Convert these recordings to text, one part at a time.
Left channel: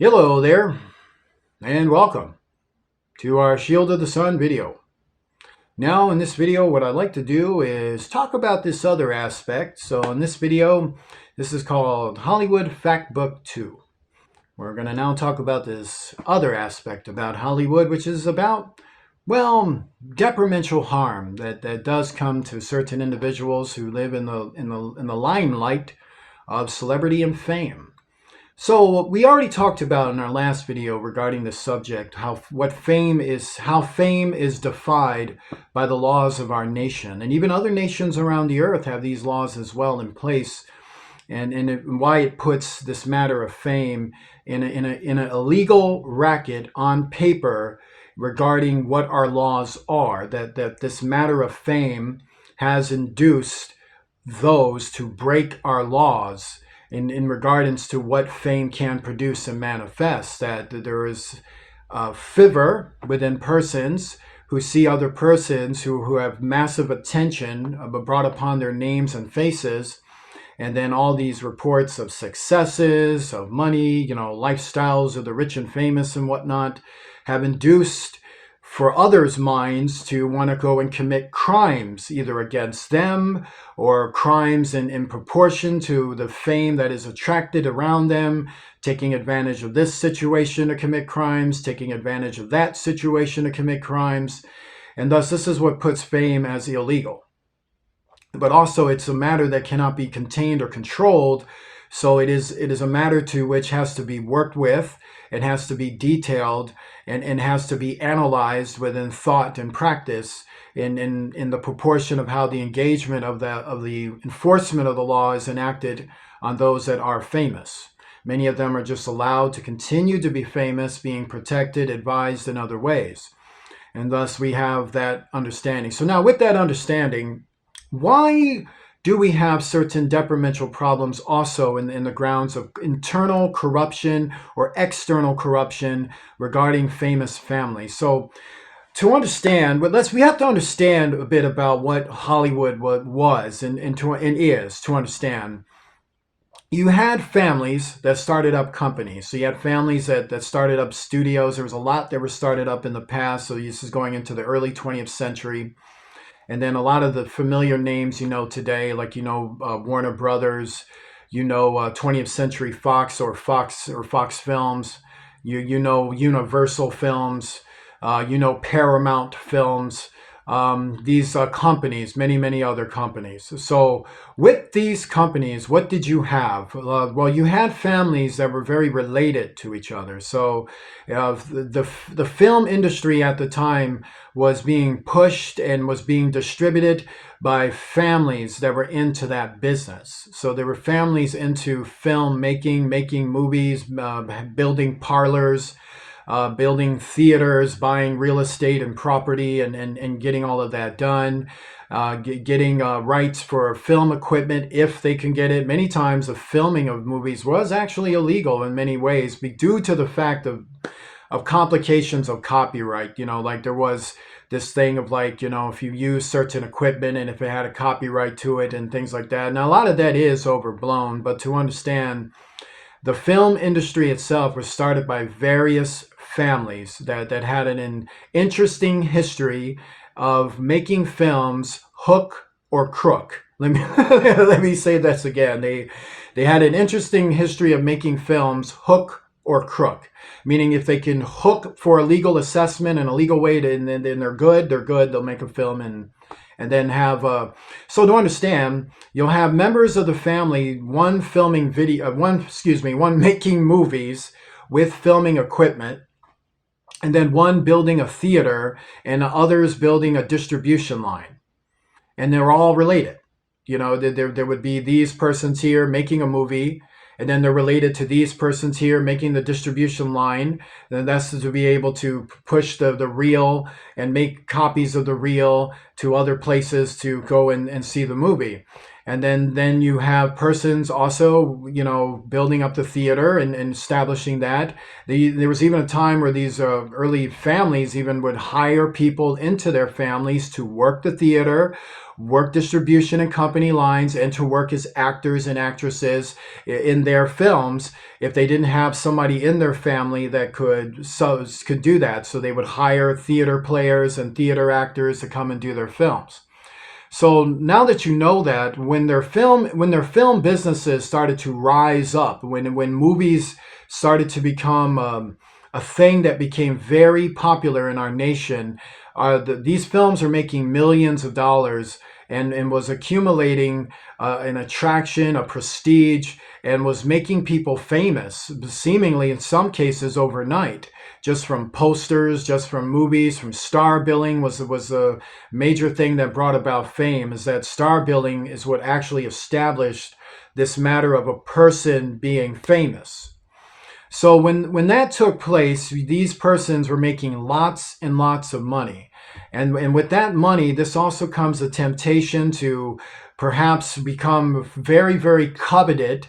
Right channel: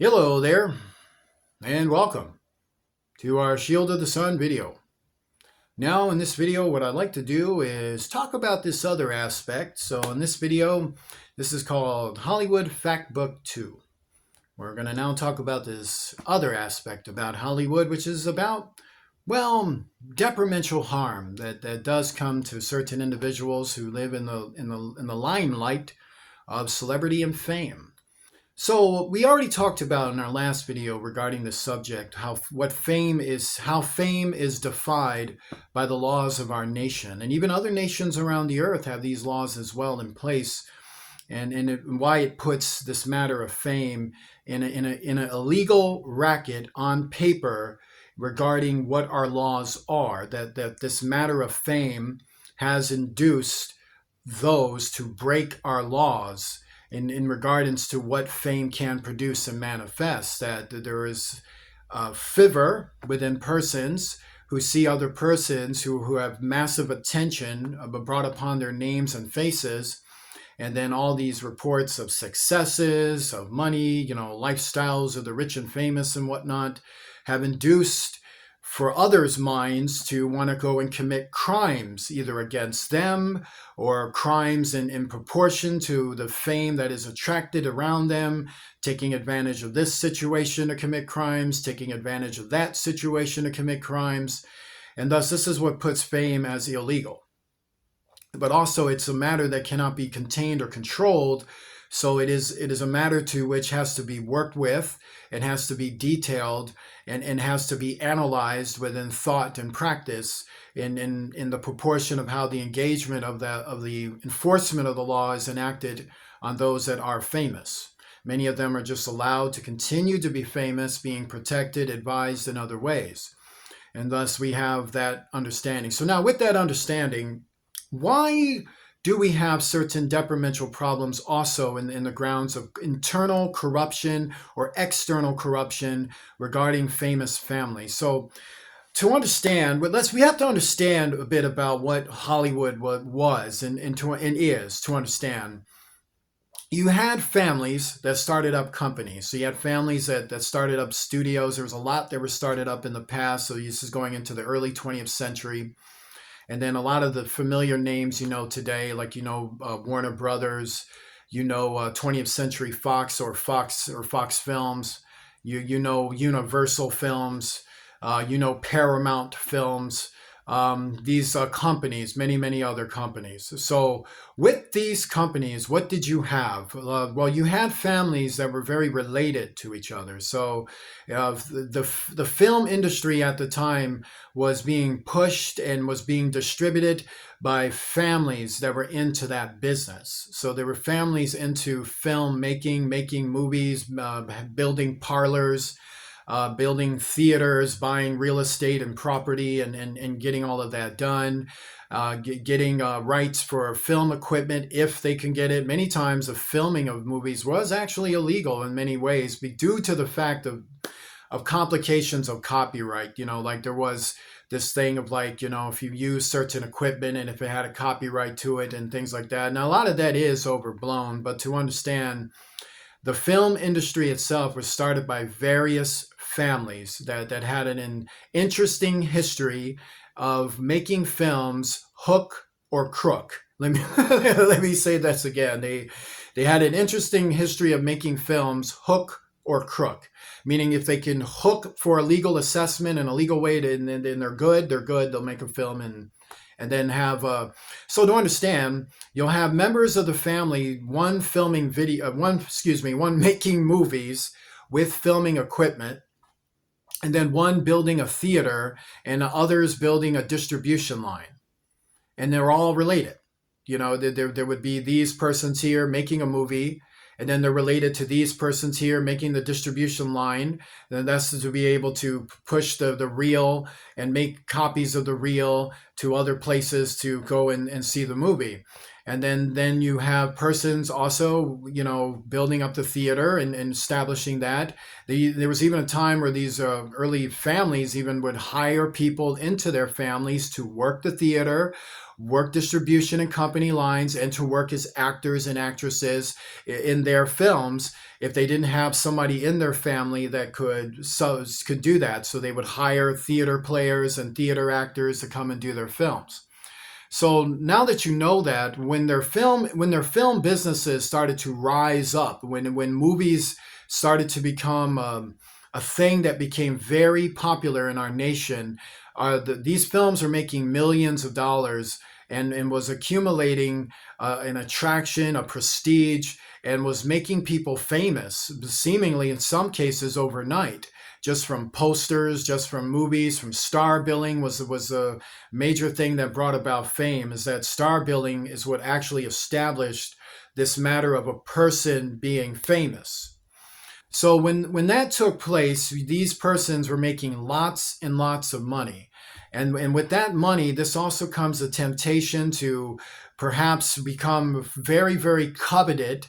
Hello there, and welcome to our Shield of the Sun video. Now, in this video, what I'd like to do is talk about this other aspect. So, in this video, this is called Hollywood Fact Book 2. We're going to now talk about this other aspect about Hollywood, which is about, well, detrimental harm that does come to certain individuals who live in the limelight of celebrity and fame. So we already talked about in our last video regarding the subject how fame is defied by the laws of our nation, and even other nations around the earth have these laws as well in place, and why it puts this matter of fame in a illegal racket on paper regarding what our laws are. That this matter of fame has induced those to break our laws in regards to what fame can produce and manifest, that there is a fervor within persons who see other persons who have massive attention brought upon their names and faces, and then all these reports of successes, of money, lifestyles of the rich and famous and whatnot, have induced for others' minds to want to go and commit crimes, either against them or crimes in proportion to the fame that is attracted around them, taking advantage of this situation to commit crimes, taking advantage of that situation to commit crimes. And thus, this is what puts fame as illegal. But also, it's a matter that cannot be contained or controlled. So it is a matter to which has to be worked with, it has to be detailed, and has to be analyzed within thought and practice in the proportion of how the engagement of the enforcement of the law is enacted on those that are famous. Many of them are just allowed to continue to be famous, being protected, advised in other ways. And thus we have that understanding. So now with that understanding, why do we have certain detrimental problems also in the grounds of internal corruption or external corruption regarding famous families? So to understand, we have to understand a bit about what Hollywood was and is to understand. You had families that started up companies. So you had families that started up studios. There was a lot that were started up in the past. So this is going into the early 20th century. And then a lot of the familiar names today, like Warner Brothers, 20th Century Fox or Fox Films, Universal Films, Paramount Films, these companies, many other companies. So with these companies, what did you have? Well, you had families that were very related to each other. So the film industry at the time was being pushed and was being distributed by families that were into that business. So there were families into film making movies, building parlors, building theaters, buying real estate and property, and getting all of that done, getting rights for film equipment if they can get it. Many times the filming of movies was actually illegal in many ways due to the fact of complications of copyright. Like there was this thing of if you use certain equipment and if it had a copyright to it and things like that. Now, a lot of that is overblown, but to understand, the film industry itself was started by various families that had an interesting history of making films hook or crook. Let me let me say this again. They had an interesting history of making films hook or crook, meaning if they can hook for a legal assessment and a legal way, and then they're good. They'll make a film and then have so to understand, you'll have members of the family, one making movies with filming equipment, and then one building a theater and others building a distribution line, and they're all related. There would be these persons here making a movie, and then they're related to these persons here making the distribution line. And that's to be able to push the reel and make copies of the reel to other places to go and see the movie. And then you have persons also, building up the theater and establishing that. There was even a time where these early families even would hire people into their families to work the theater work distribution and company lines and to work as actors and actresses in their films if they didn't have somebody in their family that could do that. So they would hire theater players and theater actors to come and do their films. So now that you know that, when their film businesses started to rise up, when movies started to become a thing that became very popular in our nation, these films are making millions of dollars and was accumulating an attraction, a prestige, and was making people famous, seemingly in some cases overnight, just from posters, just from movies, from star billing was a major thing that brought about fame. Is that star billing is what actually established this matter of a person being famous. So when that took place, these persons were making lots and lots of money. And with that money, this also comes a temptation to perhaps become very, very coveted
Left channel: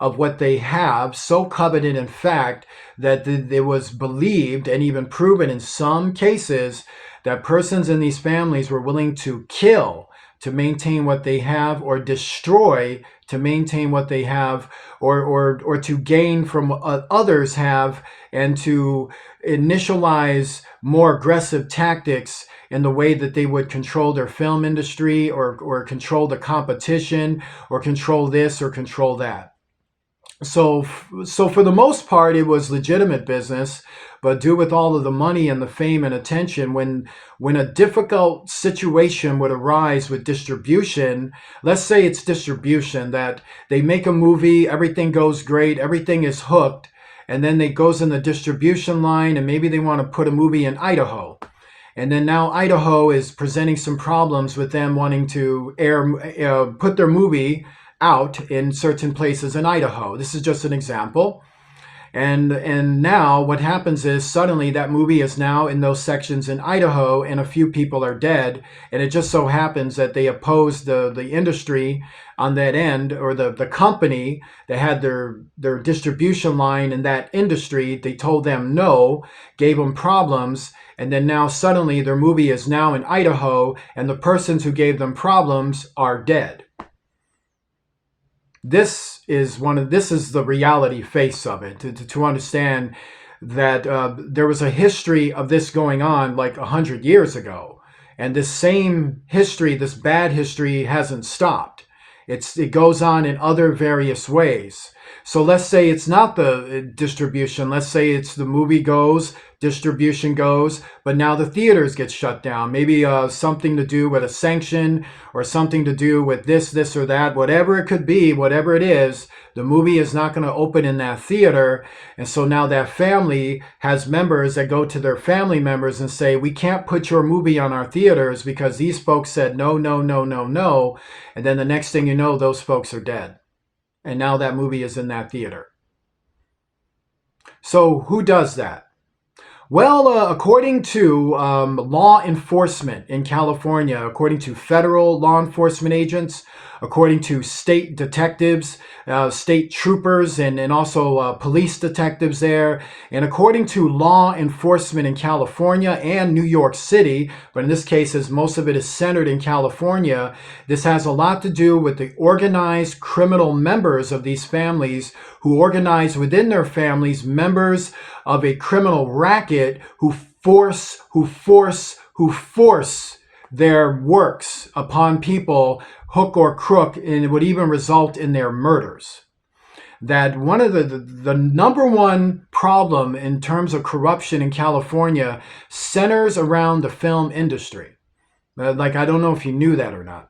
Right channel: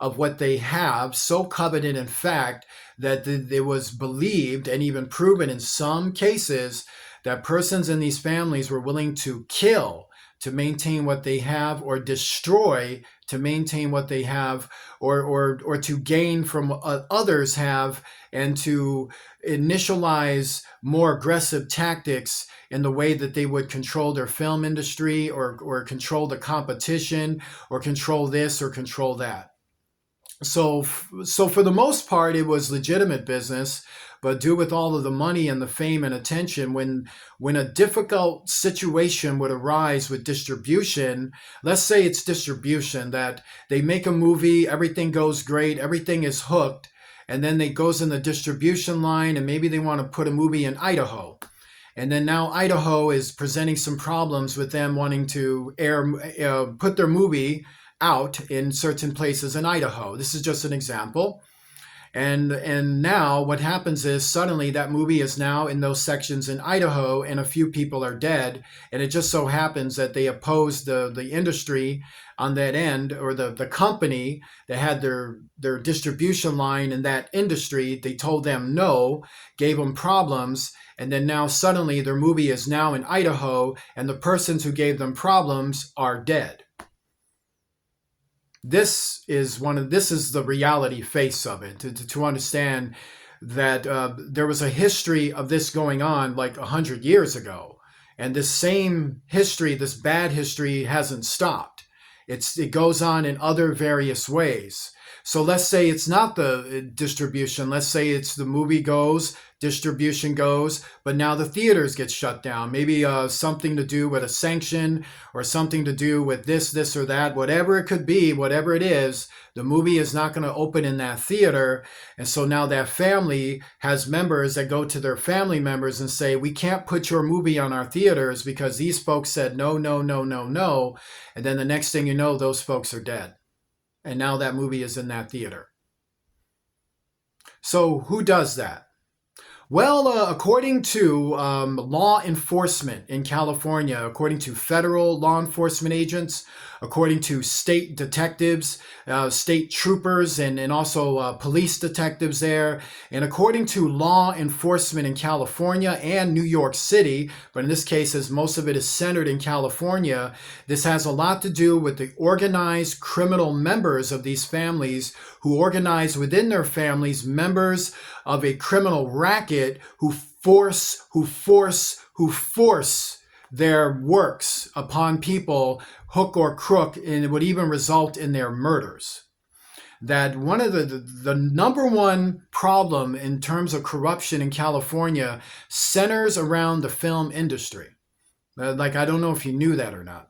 of what they have, so coveted, in fact, that it was believed and even proven in some cases that persons in these families were willing to kill to maintain what they have, or destroy to maintain what they have, or to gain from what others have, and to initialize more aggressive tactics in the way that they would control their film industry, or control the competition, or control this or control that. So for the most part, it was legitimate business, but due with all of the money and the fame and attention, when a difficult situation would arise with distribution, let's say it's distribution, that they make a movie, everything goes great, everything is hooked, and then it goes in the distribution line, and maybe they want to put a movie in Idaho. And then now Idaho is presenting some problems with them wanting to put their movie out in certain places in Idaho. This is just an example. And now what happens is suddenly that movie is now in those sections in Idaho, and a few people are dead. And it just so happens that they opposed the industry on that end, or the company that had their distribution line in that industry. They told them no, gave them problems. And then now suddenly their movie is now in Idaho, and the persons who gave them problems are dead. This is the reality face of it, to understand that there was a history of this going on like 100 years ago, and this same history, this bad history, hasn't stopped. It goes on in other various ways. So let's say it's not the distribution. Let's say it's the movie goes, distribution goes, but now the theaters get shut down. Maybe something to do with a sanction, or something to do with this or that, whatever it could be, whatever it is, the movie is not going to open in that theater. And so now that family has members that go to their family members and say, we can't put your movie on our theaters because these folks said no, no, no, no, no. And then the next thing you know, those folks are dead. And now that movie is in that theater. So who does that? Well, according to law enforcement in California, according to federal law enforcement agents, according to state detectives, state troopers, and also police detectives there, and according to law enforcement in California and New York City, but in this case, as most of it is centered in California, this has a lot to do with the organized criminal members of these families, who organize within their families members of a criminal racket who force their works upon people, hook or crook, and it would even result in their murders. That one of the number one problem in terms of corruption in California centers around the film industry. Like, I don't know if you knew that or not.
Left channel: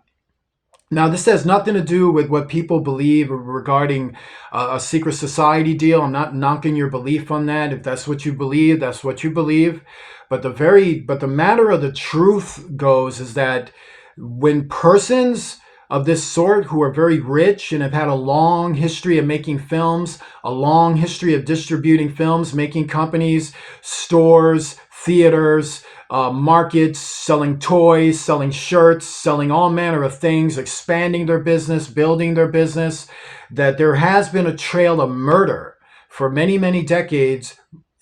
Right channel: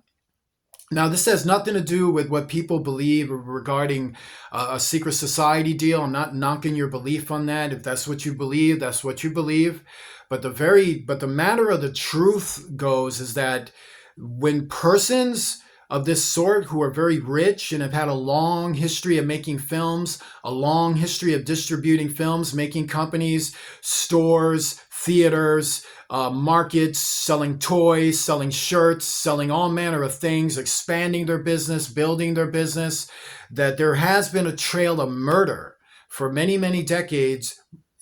Now, this has nothing to do with what people believe regarding a secret society deal. I'm not knocking your belief on that. If that's what you believe, that's what you believe. But the matter of the truth goes is that when persons of this sort, who are very rich and have had a long history of making films, a long history of distributing films, making companies, stores, theaters, markets, selling toys, selling shirts, selling all manner of things, expanding their business, building their business, that there has been a trail of murder for many, many decades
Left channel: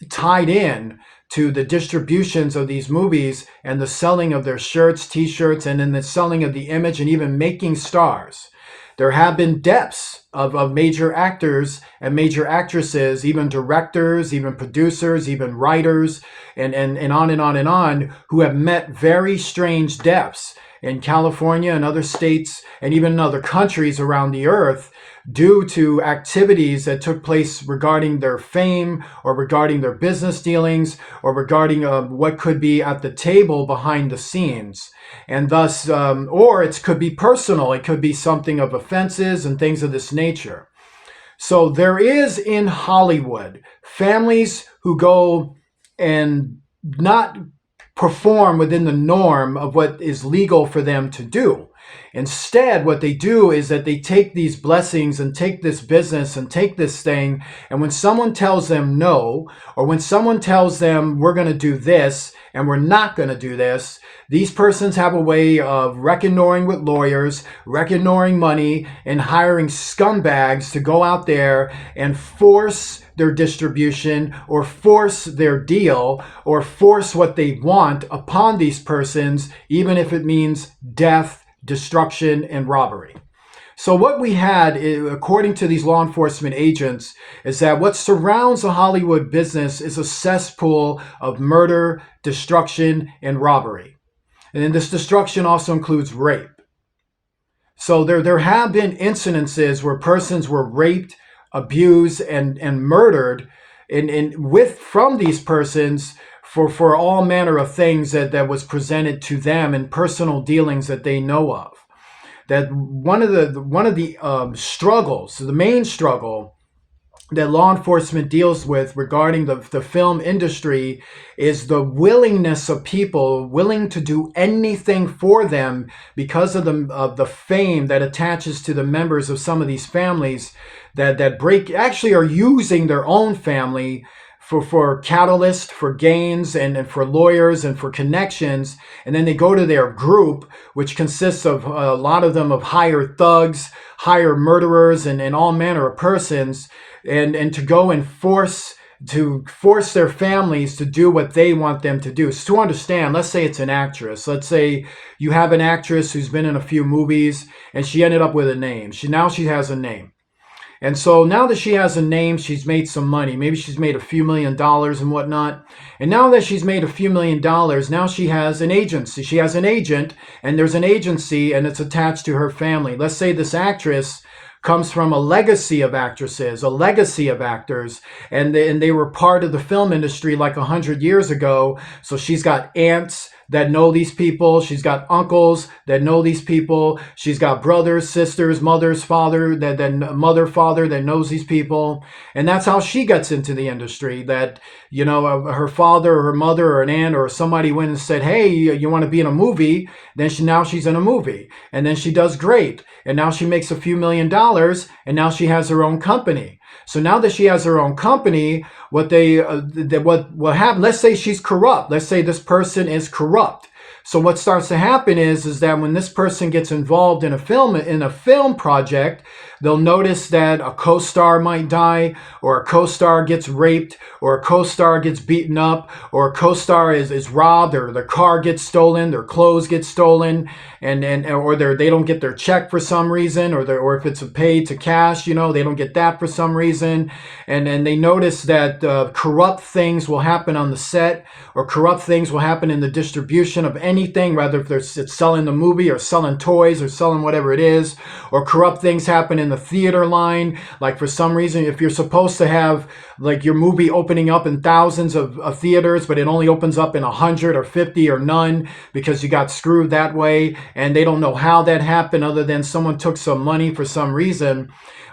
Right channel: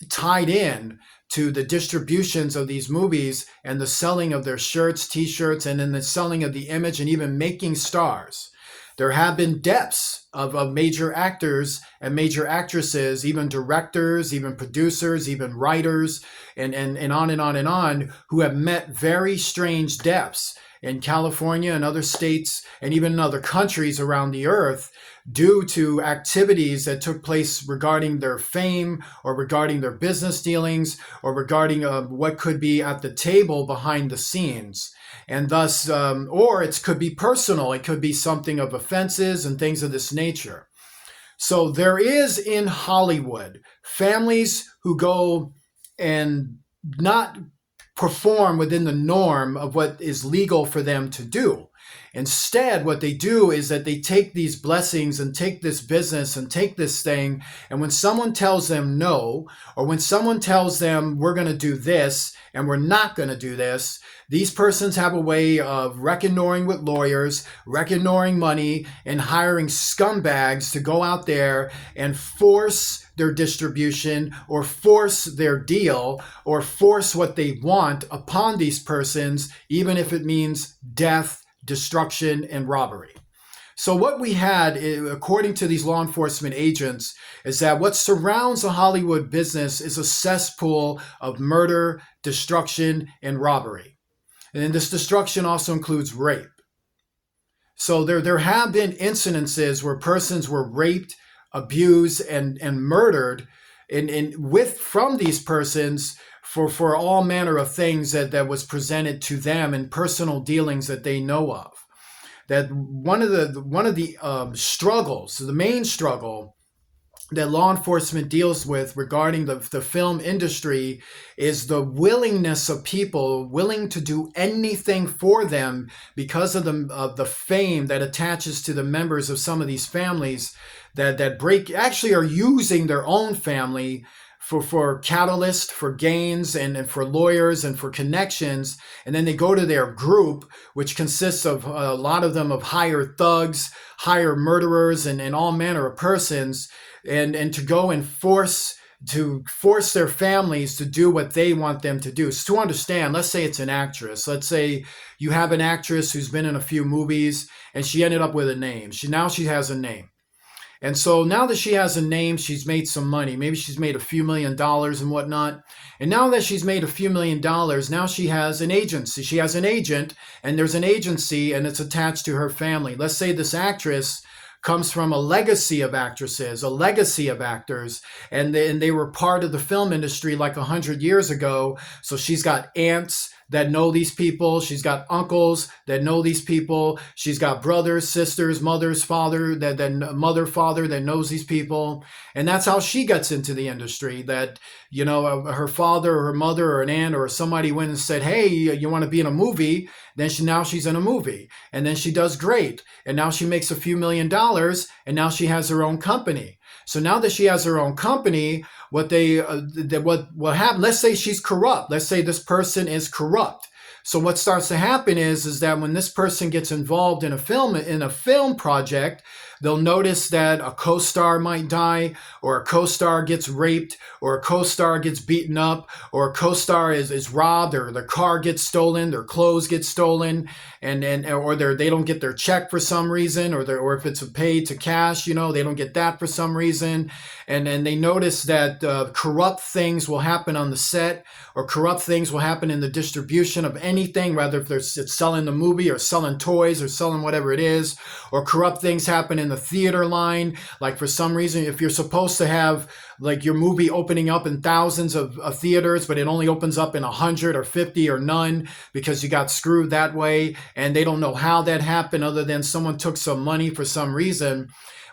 tied in to the distributions of these movies and the selling of their shirts, t-shirts, and then the selling of the image and even making stars. There have been deaths of major actors and major actresses, even directors, even producers, even writers, and on and on and on, who have met very strange deaths in California and other states and even in other countries around the earth due to activities that took place regarding their fame or regarding their business dealings or regarding what could be at the table behind the scenes. And thus, or it could be personal. It could be something of offenses and things of this nature. So there is in Hollywood families who go and not perform within the norm of what is legal for them to do. Instead, what they do is that they take these blessings and take this business and take this thing, and when someone tells them no, or when someone tells them we're going to do this and we're not going to do this, these persons have a way of reckoning with lawyers, reckoning money, and hiring scumbags to go out there and force their distribution or force their deal or force what they want upon these persons, even if it means death, destruction, and robbery. So what we had, according to these law enforcement agents, is that what surrounds the Hollywood business is a cesspool of murder, destruction, and robbery. And then this destruction also includes rape. So there have been incidences where persons were raped, abused, and murdered from these persons for all manner of things that was presented to them in personal dealings that they know of. That one of the struggles, the main struggle that law enforcement deals with regarding the film industry is the willingness of people willing to do anything for them because of the fame that attaches to the members of some of these families that actually are using their own family for catalyst, for gains, and for lawyers and for connections. And then they go to their group, which consists of a lot of them of hired thugs, hired murderers, and all manner of persons, and to go and force their families to do what they want them to do. So to understand, let's say it's an actress. Let's say you have an actress who's been in a few movies and she ended up with a name. Now she has a name. And so now that she has a name, she's made some money. Maybe she's made a few $1 million and whatnot. And now that she's made a few $1 million, now she has an agency. She has an agent, and there's an agency, and it's attached to her family. Let's say this actress comes from a legacy of actresses, a legacy of actors, and they were part of the film industry like 100 years ago. So she's got aunts that know these people. She's got uncles that know these people. She's got brothers, sisters, mothers, father, father that knows these people. And that's how she gets into the industry. That, her father or her mother or an aunt or somebody went and said, hey, you want to be in a movie? Then now she's in a movie. And then she does great. And now she makes a few $1 million, and now she has her own company. So now that she has her own company, what happen? Let's say she's corrupt. Let's say this person is corrupt. So what starts to happen is that when this person gets involved in a film project, they'll notice that a co-star might die, or a co-star gets raped, or a co-star gets beaten up, or a co-star is robbed, or their car gets stolen, their clothes get stolen, or they don't get their check for some reason, or if it's paid to cash, they don't get that for some reason, and they notice that corrupt things will happen on the set, or corrupt things will happen in the distribution of anything, whether if it's selling the movie or selling toys or selling whatever it is, or corrupt things happen in the theater line. Like for some reason, if you're supposed to have like your movie opening up in thousands of theaters, but it only opens up in 100 or 50 or none because you got screwed that way, and they don't know how that happened other than someone took some money for some reason.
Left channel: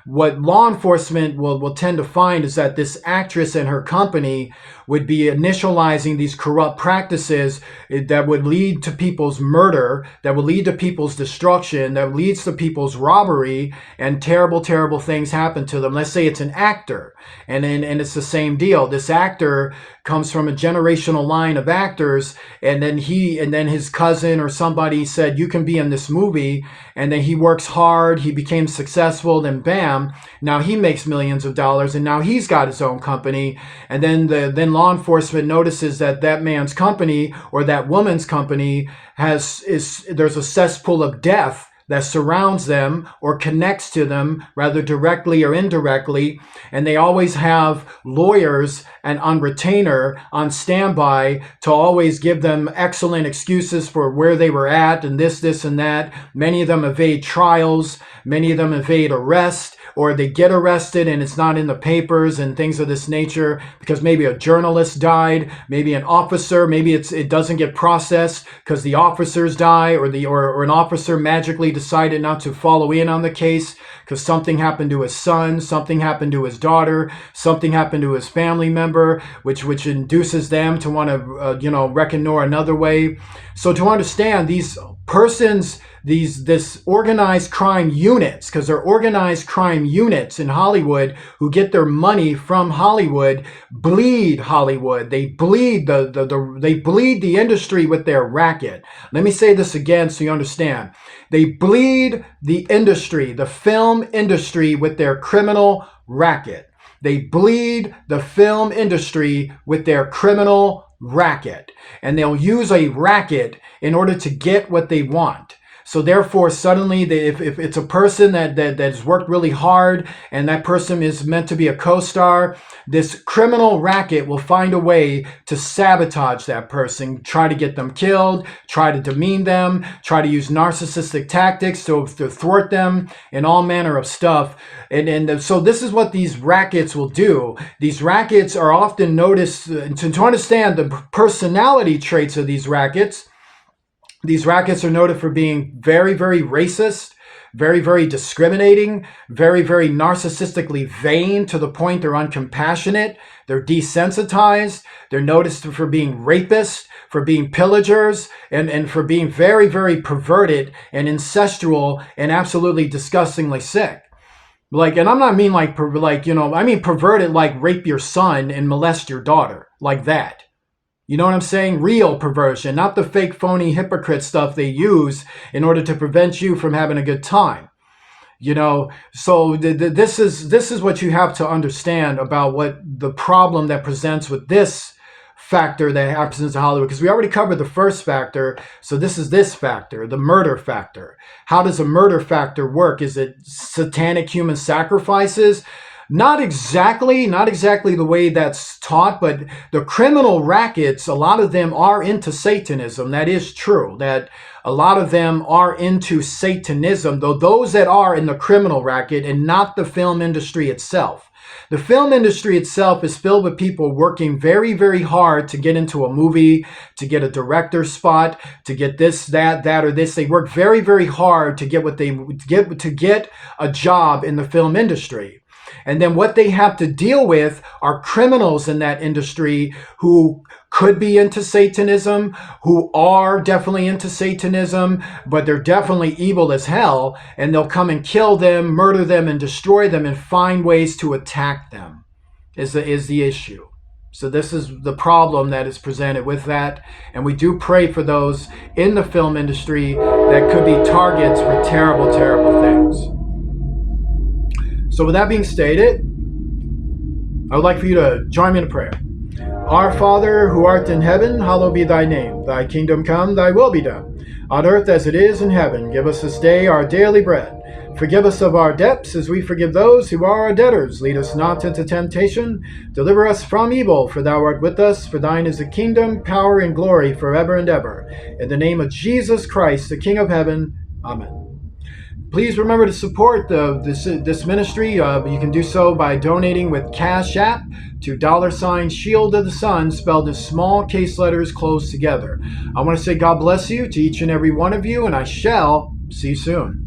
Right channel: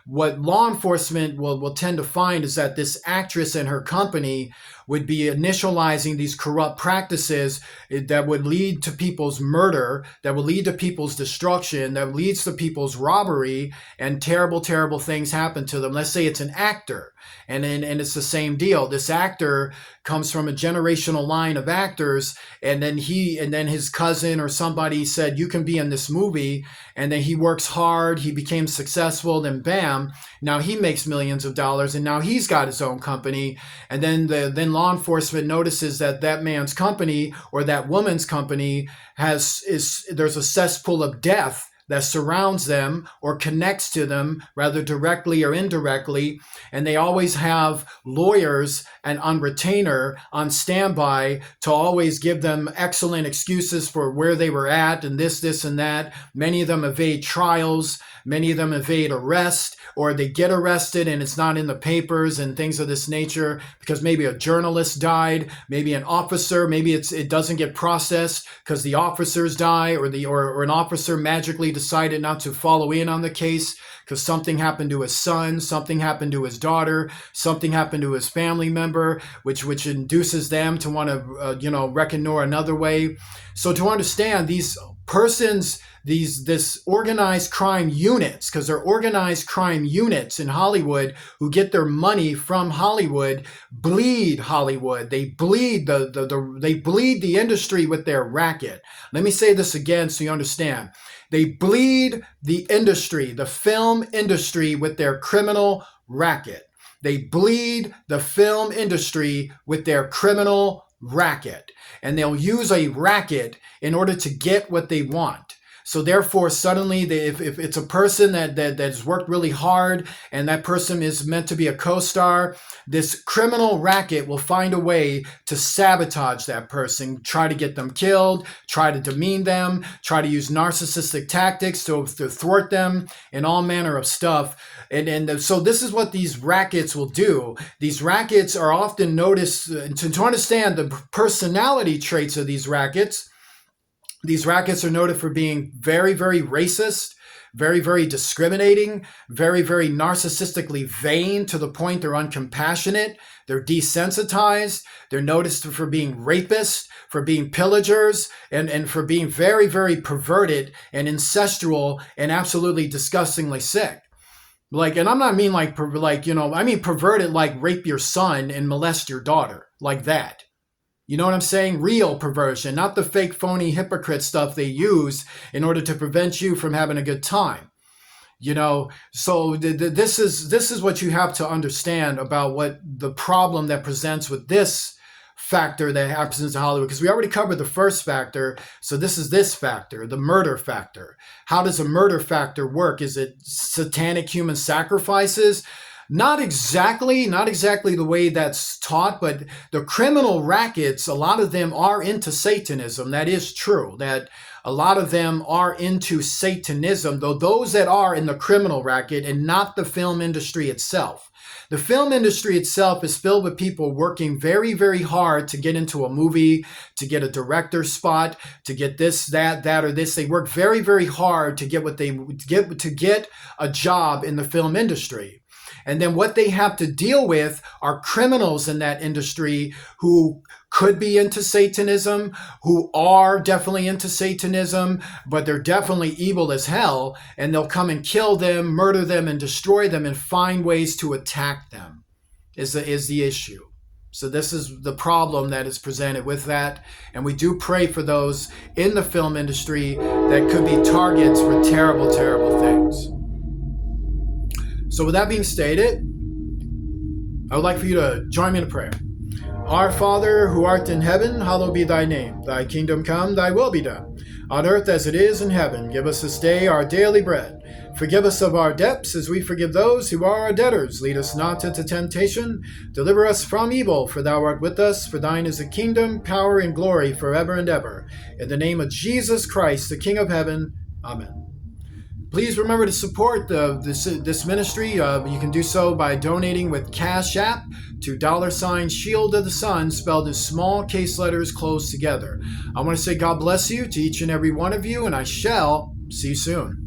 What law enforcement will tend to find is that this actress and her company would be initializing these corrupt practices that would lead to people's murder, that would lead to people's destruction, that leads to people's robbery, and terrible, terrible things happen to them. Let's say it's an actor, and it's the same deal. This actor comes from a generational line of actors, and then his cousin or somebody said, you can be in this movie, and then he works hard, he became successful, then bam, now he makes millions of dollars, and now he's got his own company, and then law enforcement notices that that man's company or that woman's company there's a cesspool of death that surrounds them or connects to them, rather directly or indirectly, and they always have lawyers and on retainer, on standby, to always give them excellent excuses for where they were at and this and that. Many of them evade trials, many of them evade arrest, or they get arrested and it's not in the papers and things of this nature because maybe a journalist died, maybe an officer, maybe it doesn't get processed because the officers die, or an officer magically decided not to follow in on the case because something happened to his son, something happened to his daughter, something happened to his family member, which induces them to want to reckon another way. So to understand these persons, this organized crime units, because they're organized crime units in Hollywood who get their money from Hollywood, bleed Hollywood. They bleed they bleed the industry with their racket. Let me say this again so you understand. They bleed the industry, the film industry, with their criminal racket. They bleed the film industry with their criminal racket. And they'll use a racket in order to get what they want. So therefore, suddenly, if it's a person that has worked really hard and that person is meant to be a co-star, this criminal racket will find a way to sabotage that person, try to get them killed, try to demean them, try to use narcissistic tactics to thwart them, and all manner of stuff. And so this is what these rackets will do. These rackets are often noticed, to understand the personality traits of these rackets are noted for being very, very racist, very, very discriminating, very, very narcissistically vain to the point they're uncompassionate. They're desensitized. They're noticed for being rapists, for being pillagers, and for being very, very perverted and incestual and absolutely disgustingly sick. And I'm not mean I mean perverted, like rape your son and molest your daughter, like that. You know what I'm saying? Real perversion, not the fake, phony, hypocrite stuff they use in order to prevent you from having a good time. So this is what you have to understand about what the problem that presents with this factor that happens in Hollywood, because we already covered the first factor. So this is this factor, the murder factor. How does a murder factor work? Is it satanic human sacrifices? Not exactly the way that's taught, but the criminal rackets, a lot of them are into Satanism. That is true, that a lot of them are into Satanism, though those that are in the criminal racket and not the film industry itself. The film industry itself is filled with people working very, very hard to get into a movie, to get a director's spot, to get this, that, or this. They work very, very hard to get to get a job in the film industry. And then what they have to deal with are criminals in that industry who could be into Satanism, who are definitely into Satanism, but they're definitely evil as hell, and they'll come and kill them, murder them, and destroy them, and find ways to attack them, is the issue. So this is the problem that is presented with that, and we do pray for those in the film industry that could be targets for terrible, terrible things. So with that being stated, I would like for you to join me in a prayer. Our Father, who art in heaven, hallowed be thy name. Thy kingdom come, thy will be done, on earth as it is in heaven. Give us this day our daily bread. Forgive us of our debts as we forgive those who are our debtors. Lead us not into temptation. Deliver us from evil, for thou art with us. For thine is the kingdom, power, and glory forever and ever. In the name of Jesus Christ, the King of heaven. Amen. Please remember to support this ministry. You can do so by donating with Cash App to $ Shield of the Sun, spelled in small case letters closed together. I want to say God bless you to each and every one of you, and I shall see you soon.